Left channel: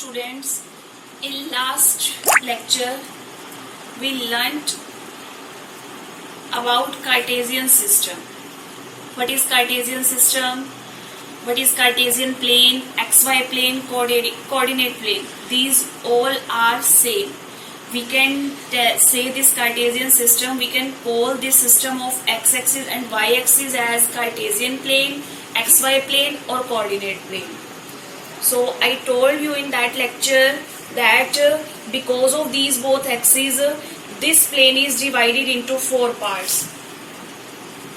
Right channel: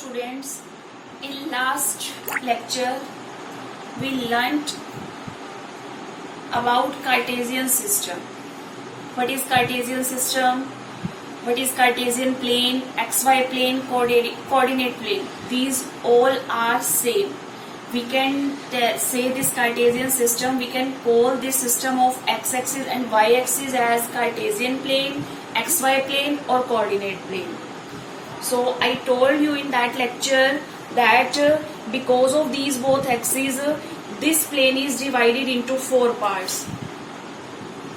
students, in last lecture we learnt about Cartesian system. What is Cartesian system? What is Cartesian plane, xy plane, coordinate plane? These all are same. We can say this Cartesian system, we can call this system of x-axis and y-axis as Cartesian plane, xy plane or coordinate plane. So I told you in that lecture that because of these both axes, this plane is divided into 4 parts.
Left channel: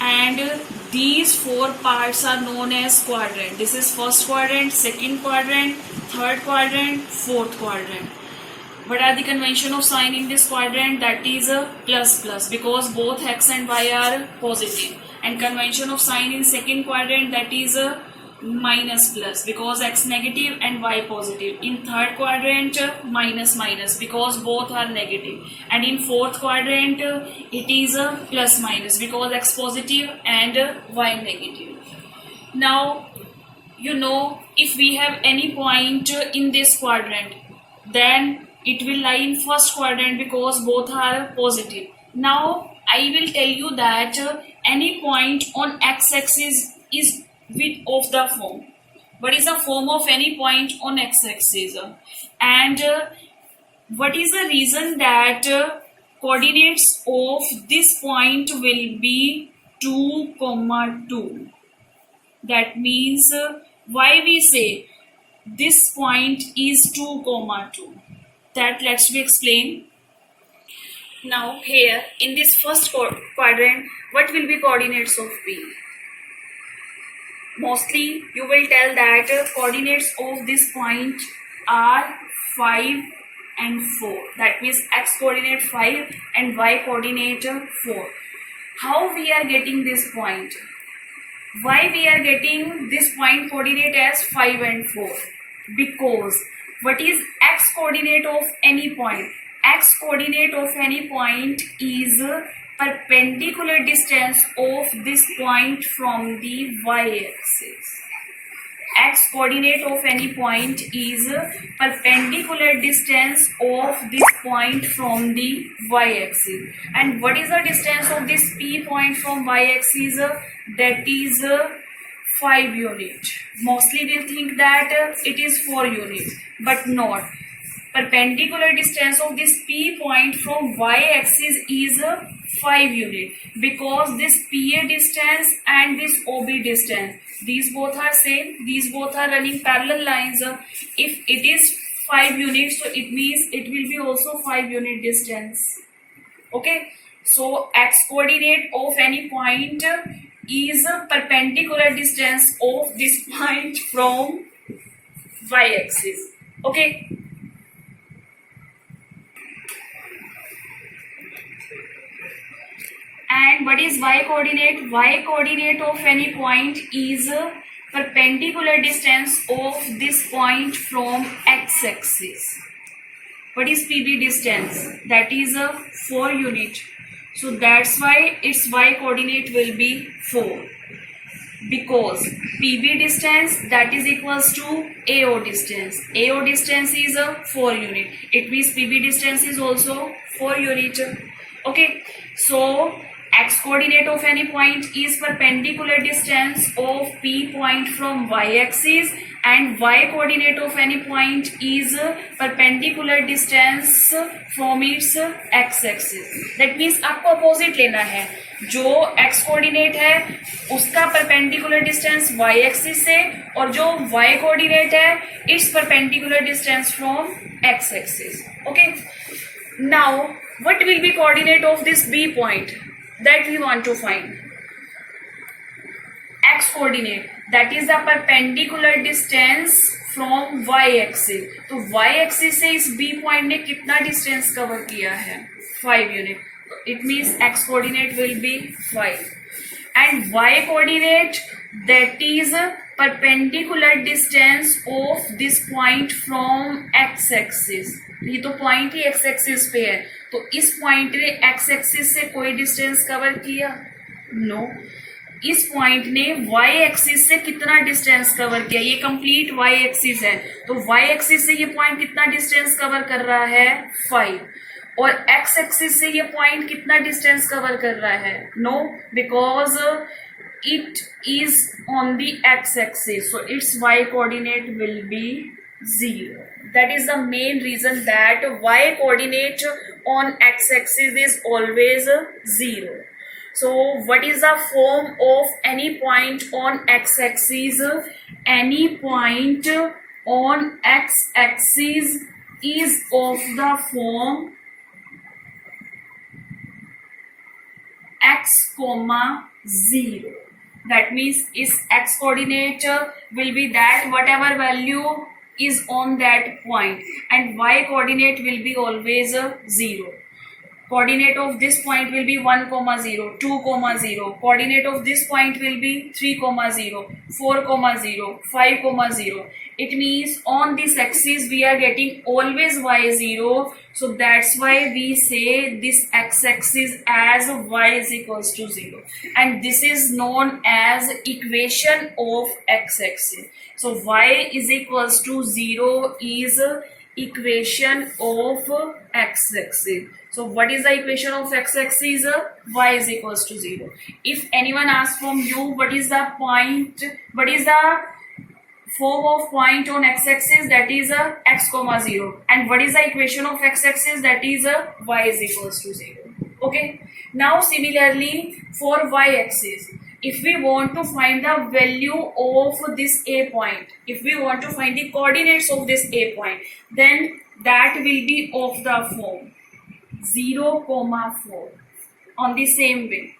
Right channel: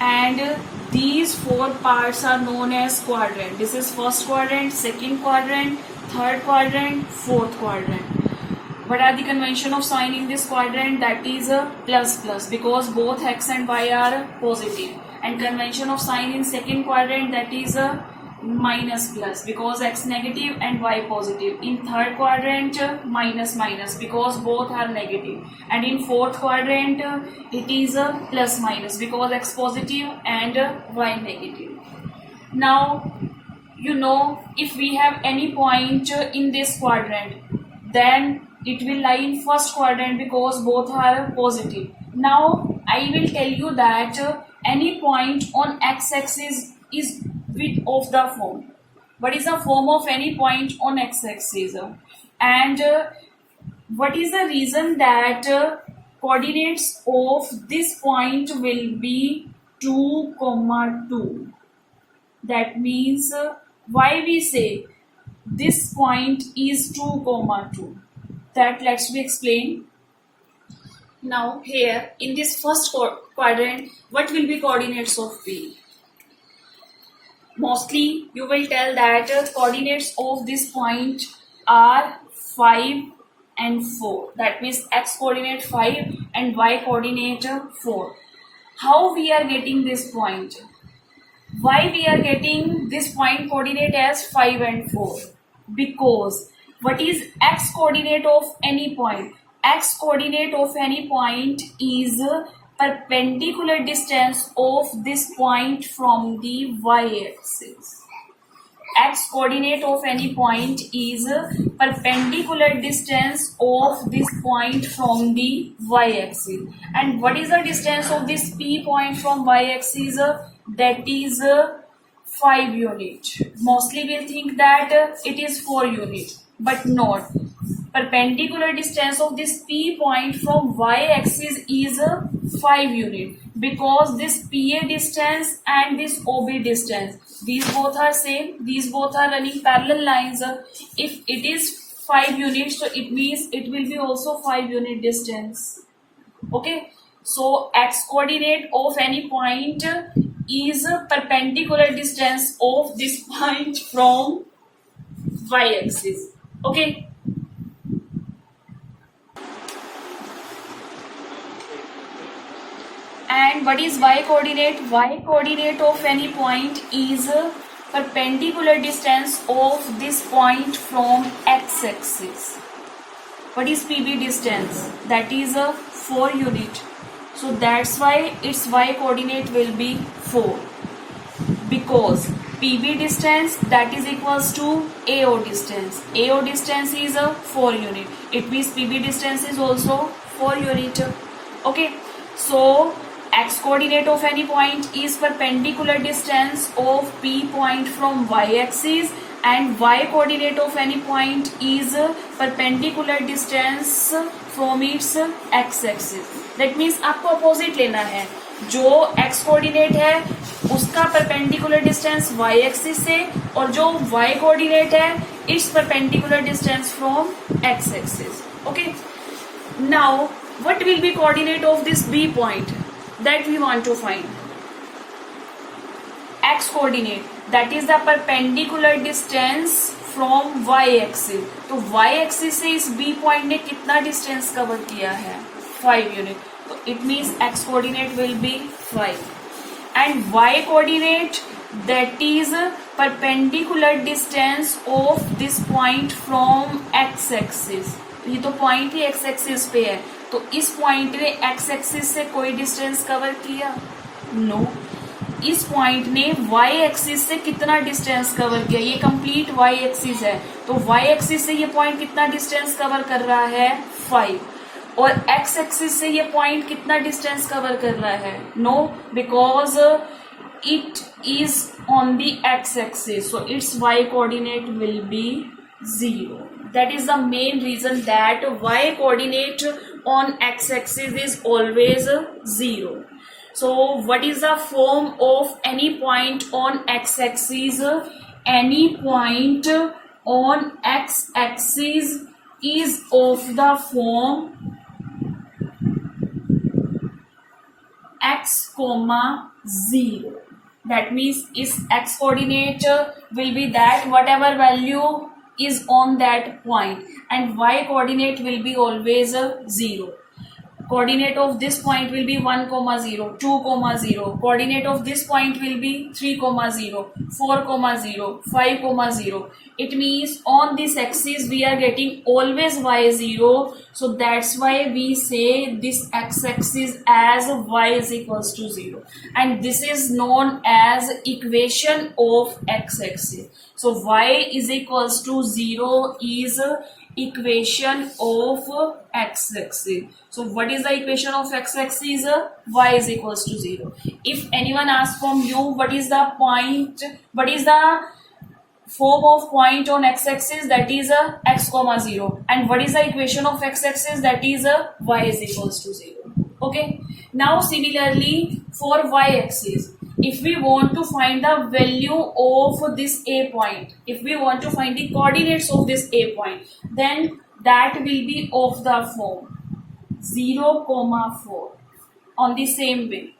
And these 4 parts are known as quadrant. This is first quadrant, second quadrant, third quadrant, fourth quadrant. What are the convention of signing this quadrant? That is a plus plus, because both x and y are positive. And convention of sign in second quadrant, that is a minus plus, because x negative and y positive. In third quadrant, minus minus, because both are negative. And in fourth quadrant, it is a plus minus, because x positive and y negative. Now, you know, if we have any point in this quadrant, then it will lie in first quadrant because both are positive. Now, I will tell you that any point on x-axis is width of the form. What is the form of any point on x-axis? And what is the reason that coordinates of this point will be 2, 2? That means why we say this point is 2, 2? That let's be explain. Now here in this first quadrant, what will be coordinates of P? Mostly you will tell that coordinates of this point are 5 and 4. That means x coordinate 5 and y coordinate 4. How we are getting this point? Why we are getting this point coordinate as 5 and 4? Because what is x coordinate of any point? X coordinate of any point is perpendicular distance of this point from the y-axis. X coordinate of any point is perpendicular distance of this point from the y-axis. And what is the distance of this P point from y-axis? That is 5 units. Mostly we think that it is 4 units, but not. Perpendicular distance of this P point from y-axis is 5 units, because this PA distance and this OB distance, these both are same, these both are running parallel lines. If it is 5 units, so it means it will be also 5 unit distance. Okay, so x coordinate of any point is perpendicular distance of this point from y-axis. Okay. And what is y coordinate? Y coordinate of any point is perpendicular distance of this point from x-axis. What is PB distance? That is a 4 unit. So that's why its y coordinate will be 4. Because PB distance, that is equals to AO distance. AO distance is a 4 unit. It means PB distance is also 4 unit. Okay. So x coordinate of any point is perpendicular distance of P point from y-axis, and y coordinate of any point is perpendicular distance from its x-axis. That means आपको opposite लेना है. जो x coordinate है उसका perpendicular distance y-axis से, और जो y coordinate है its perpendicular distance from x-axis. Okay. Now what will be coordinate of this B point? That we want to find. X coordinate, that is the perpendicular distance from y axis. तो y axis से इस B point ने कितना distance cover किया है? 5 unit. So it means x coordinate will be 5. And y coordinate, that is perpendicular distance of this point from x axis. ये तो point ही x axis पे है, तो इस पॉइंट ने x एक्सिस से कोई डिस्टेंस कवर किया? नो. इस पॉइंट ने y एक्सिस से कितना डिस्टेंस कवर किया, ये कंप्लीट y एक्सिस है, तो y एक्सिस से ये पॉइंट कितना डिस्टेंस कवर कर रहा है 5, और x एक्सिस से ये पॉइंट कितना डिस्टेंस कवर कर रहा है, no, because it is on the x axis, so its y coordinate will be 0. That is the main reason that y coordinate on x axis is always 0. So what is the form of any point on x axis? Any point on x axis is of the form x comma 0. That means its x coordinate will be that whatever value is on that point, and y coordinate will be always 0. Coordinate of this point will be 1, 0, 2, 0. Coordinate of this point will be 3, 0, 4, 0, 5, 0. It means on this axis we are getting always y0. So that's why we say this x-axis as y is equals to 0. And this is known as equation of x-axis. So y is equals to 0 is equation of x-axis. So what is the equation of x-axis? Y is equals to 0. If anyone asks from you what is the point, what is the form of point on x-axis, that is x comma 0, and what is the equation of x-axis, that is y is equals to 0. Okay, now similarly for y-axis, if we want to find the value of this a point, if we want to find the coordinates of this a point, then that will be of the form 0, 4 on the same way.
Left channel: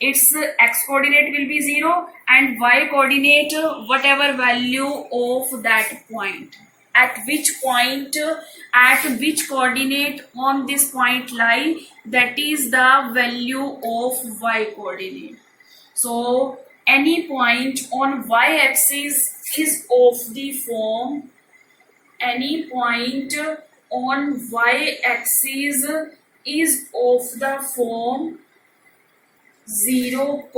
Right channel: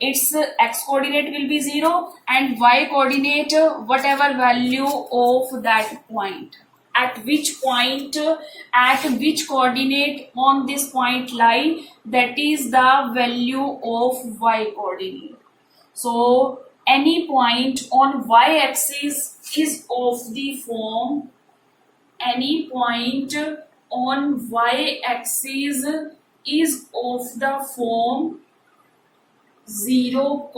Its x coordinate will be 0 and y coordinate whatever value of that point. At which point, at which coordinate on this point lie, that is the value of y coordinate. So any point on y axis is of the form, any point on y axis is of the form 0,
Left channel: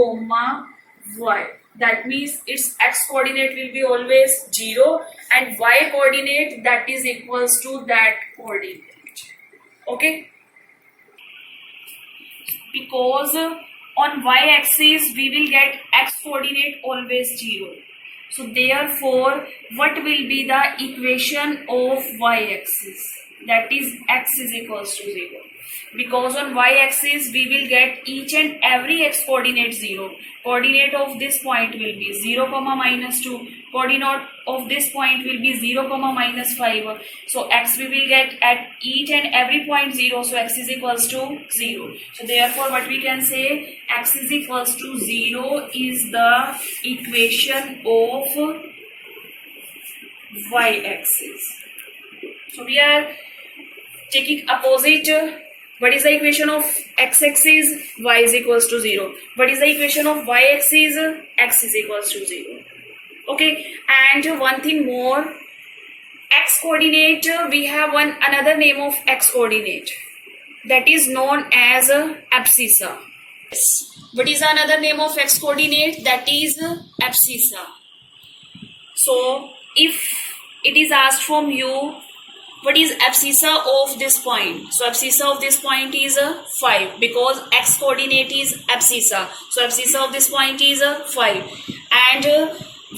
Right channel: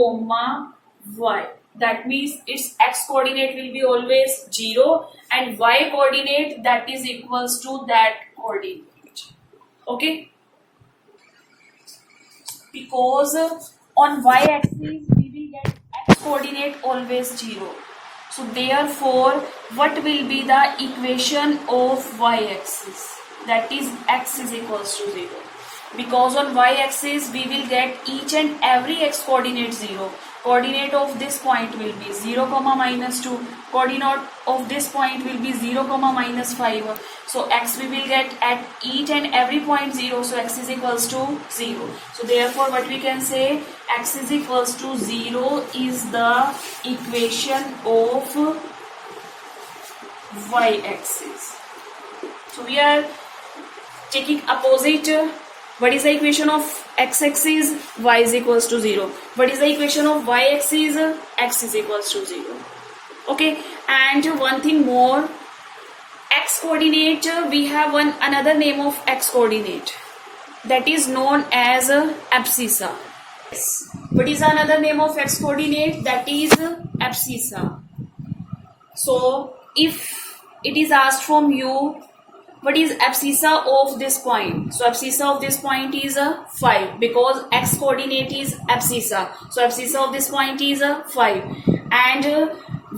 y. That means its x coordinate will be always 0 and y coordinate that is equals to that coordinate. Okay? Because on y axis we will get x coordinate always 0. So therefore what will be the equation of y axis? That is x is equals to 0. Because on y-axis we will get each and every x coordinate 0. Coordinate of this point will be 0, -2. Coordinate of this point will be 0, -5. So x we will get at each and every point 0. So x is equals to 0. So therefore what we can say, x is equals to 0 is the equation of y-axis. So we are taking opposite. What is the equation of x-axis? Y is equals to 0. What is the equation of y-axis? X is equals to 0. Okay, and one thing more, x coordinate, we have another name of x coordinate, that is known as abscissa. What is another name of x coordinate? That is abscissa. So if it is asked from you, what is abscissa of this point? So abscissa of this point is 5 because x coordinate is abscissa. So abscissa of this point is 5 and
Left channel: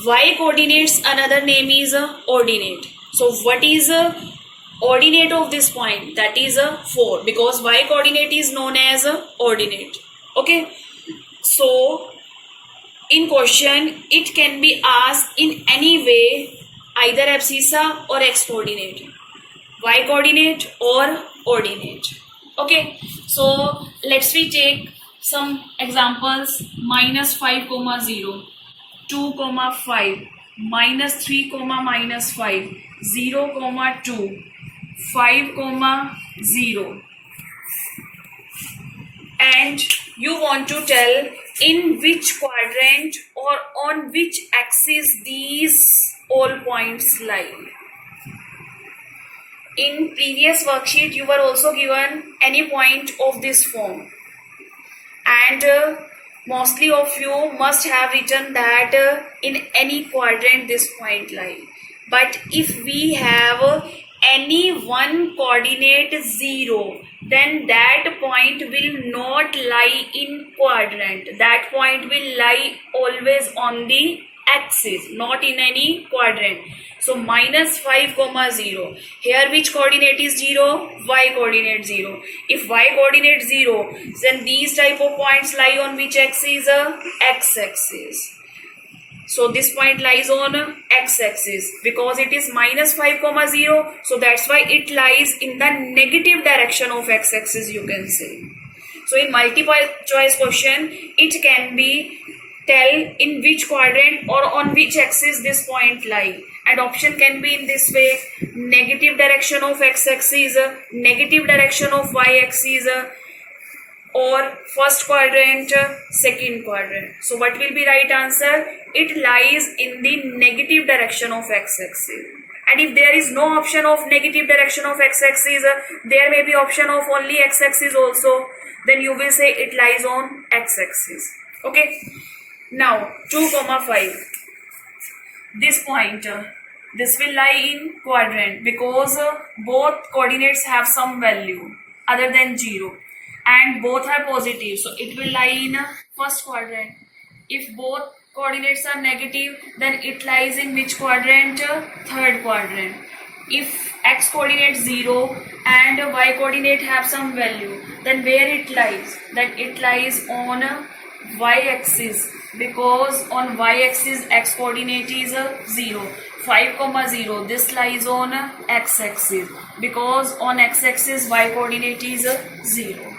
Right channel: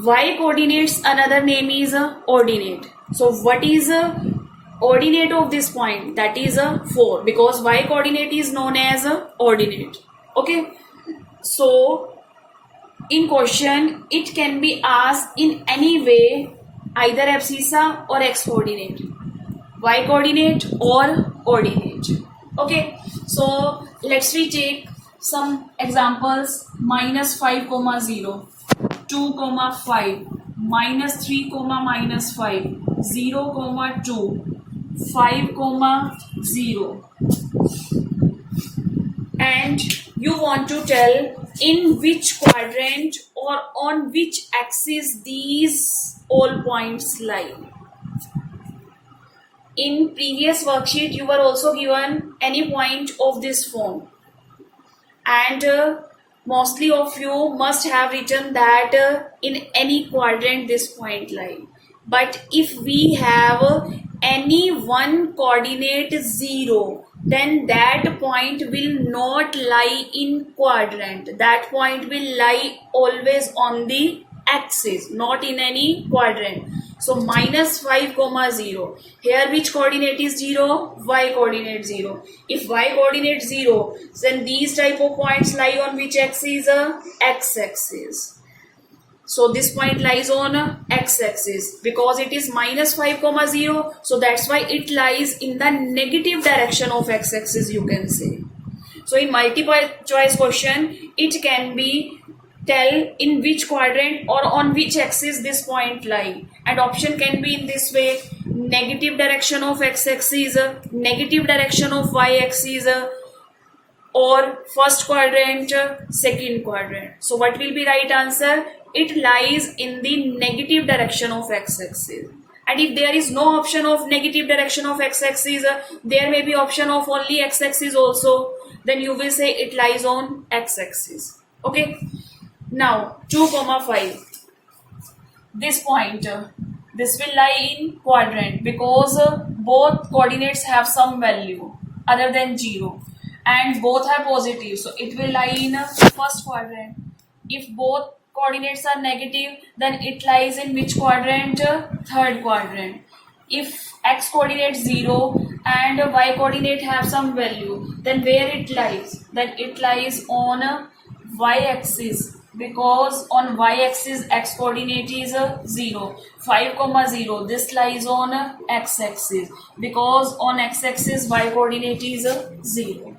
y coordinates another name is ordinate. So what is ordinate of this point? That is 4 because y coordinate is known as ordinate. Okay. So in question it can be asked in any way, either abscissa or x coordinate, y coordinate or ordinate. Okay, so let's we take some examples. -5, 0, 2, 5, -3, -5, 0, 2, 5, 0, and you want to tell in which quadrant or on which axis these all points lie. In previous worksheet, you were also given any point of this form, and Mostly of you must have written that in any quadrant this point lie. But if we have any one coordinate 0, then that point will not lie in quadrant. That point will lie always on the axis, not in any quadrant. So minus 5 comma 0. Here which coordinate is 0? Y coordinate 0. If y coordinate 0, then these type of points lie on which axis? X axis. So this point lies on x axis because it is minus 5 comma 0. So that's why it lies in the negative direction of x axis, you can say. So in multiple choice question, it can be tell in which quadrant or on which axis this point lie, and option can be in this way: negative direction of x axis, negative direction of y axis, or first quadrant, second quadrant. So what will be right answer? It lies in the negative direction of x axis. And if there is no option of negative direction of x axis, there may be option of only x axis also, then you will say it lies on x axis. Okay. Now 2 comma 5. This point, this will lie in quadrant because both coordinates have some value other than 0 and both are positive, so it will lie in first quadrant. If both coordinates are negative, then it lies in which quadrant? Third quadrant. If x coordinate 0 and y coordinate have some value, then where it lies? Then it lies on y axis, because on y axis x coordinate is 0. 5 comma 0, this lies on x axis because on x axis y coordinate is 0.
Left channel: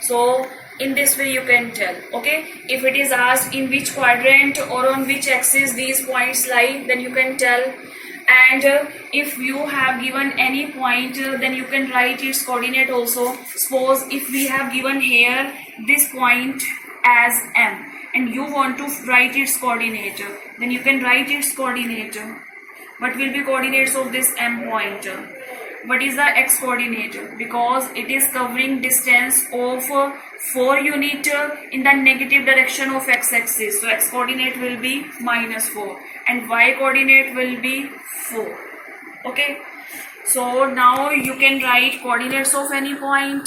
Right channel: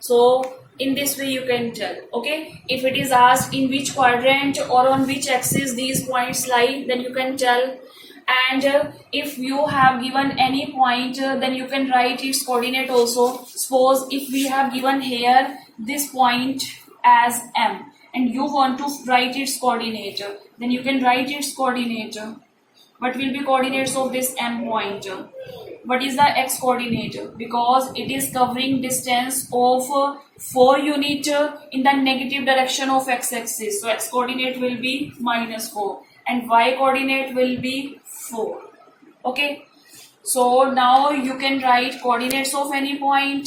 So in this way you can tell. Okay, if it is asked in which quadrant or on which axis these points lie, then you can tell. And if you have given any point, then you can write its coordinate also. Suppose if we have given here this point as M and you want to write its coordinate, then you can write its coordinate. What will be coordinates of this M point? What is the x coordinate? Because it is covering distance of 4 unit in the negative direction of x axis, so x coordinate will be minus 4 and y coordinate will be 4. Okay, so now you can write coordinates of any point,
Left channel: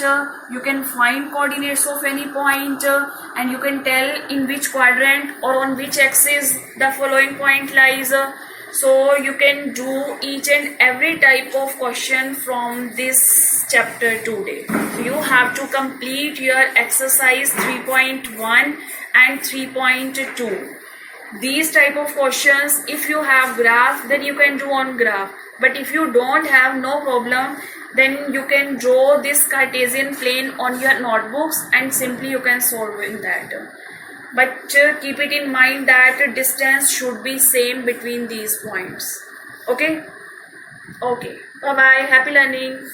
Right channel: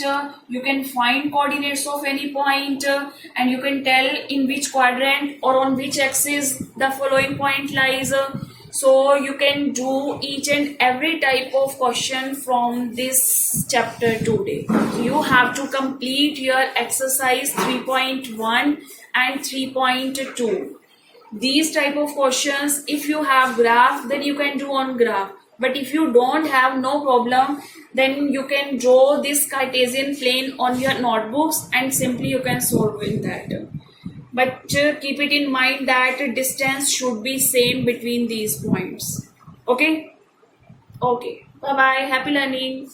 you can find coordinates of any point, and you can tell in which quadrant or on which axis the following point lies. So you can do each and every type of question from this chapter today. You have to complete your exercise 3.1 and 3.2. These type of questions, if you have graph, then you can do on graph. But if you don't have, no problem, then you can draw this Cartesian plane on your notebooks and simply you can solve in that. But keep it in mind that distance should be same between these points. Okay? Okay. Bye-bye. Happy learning.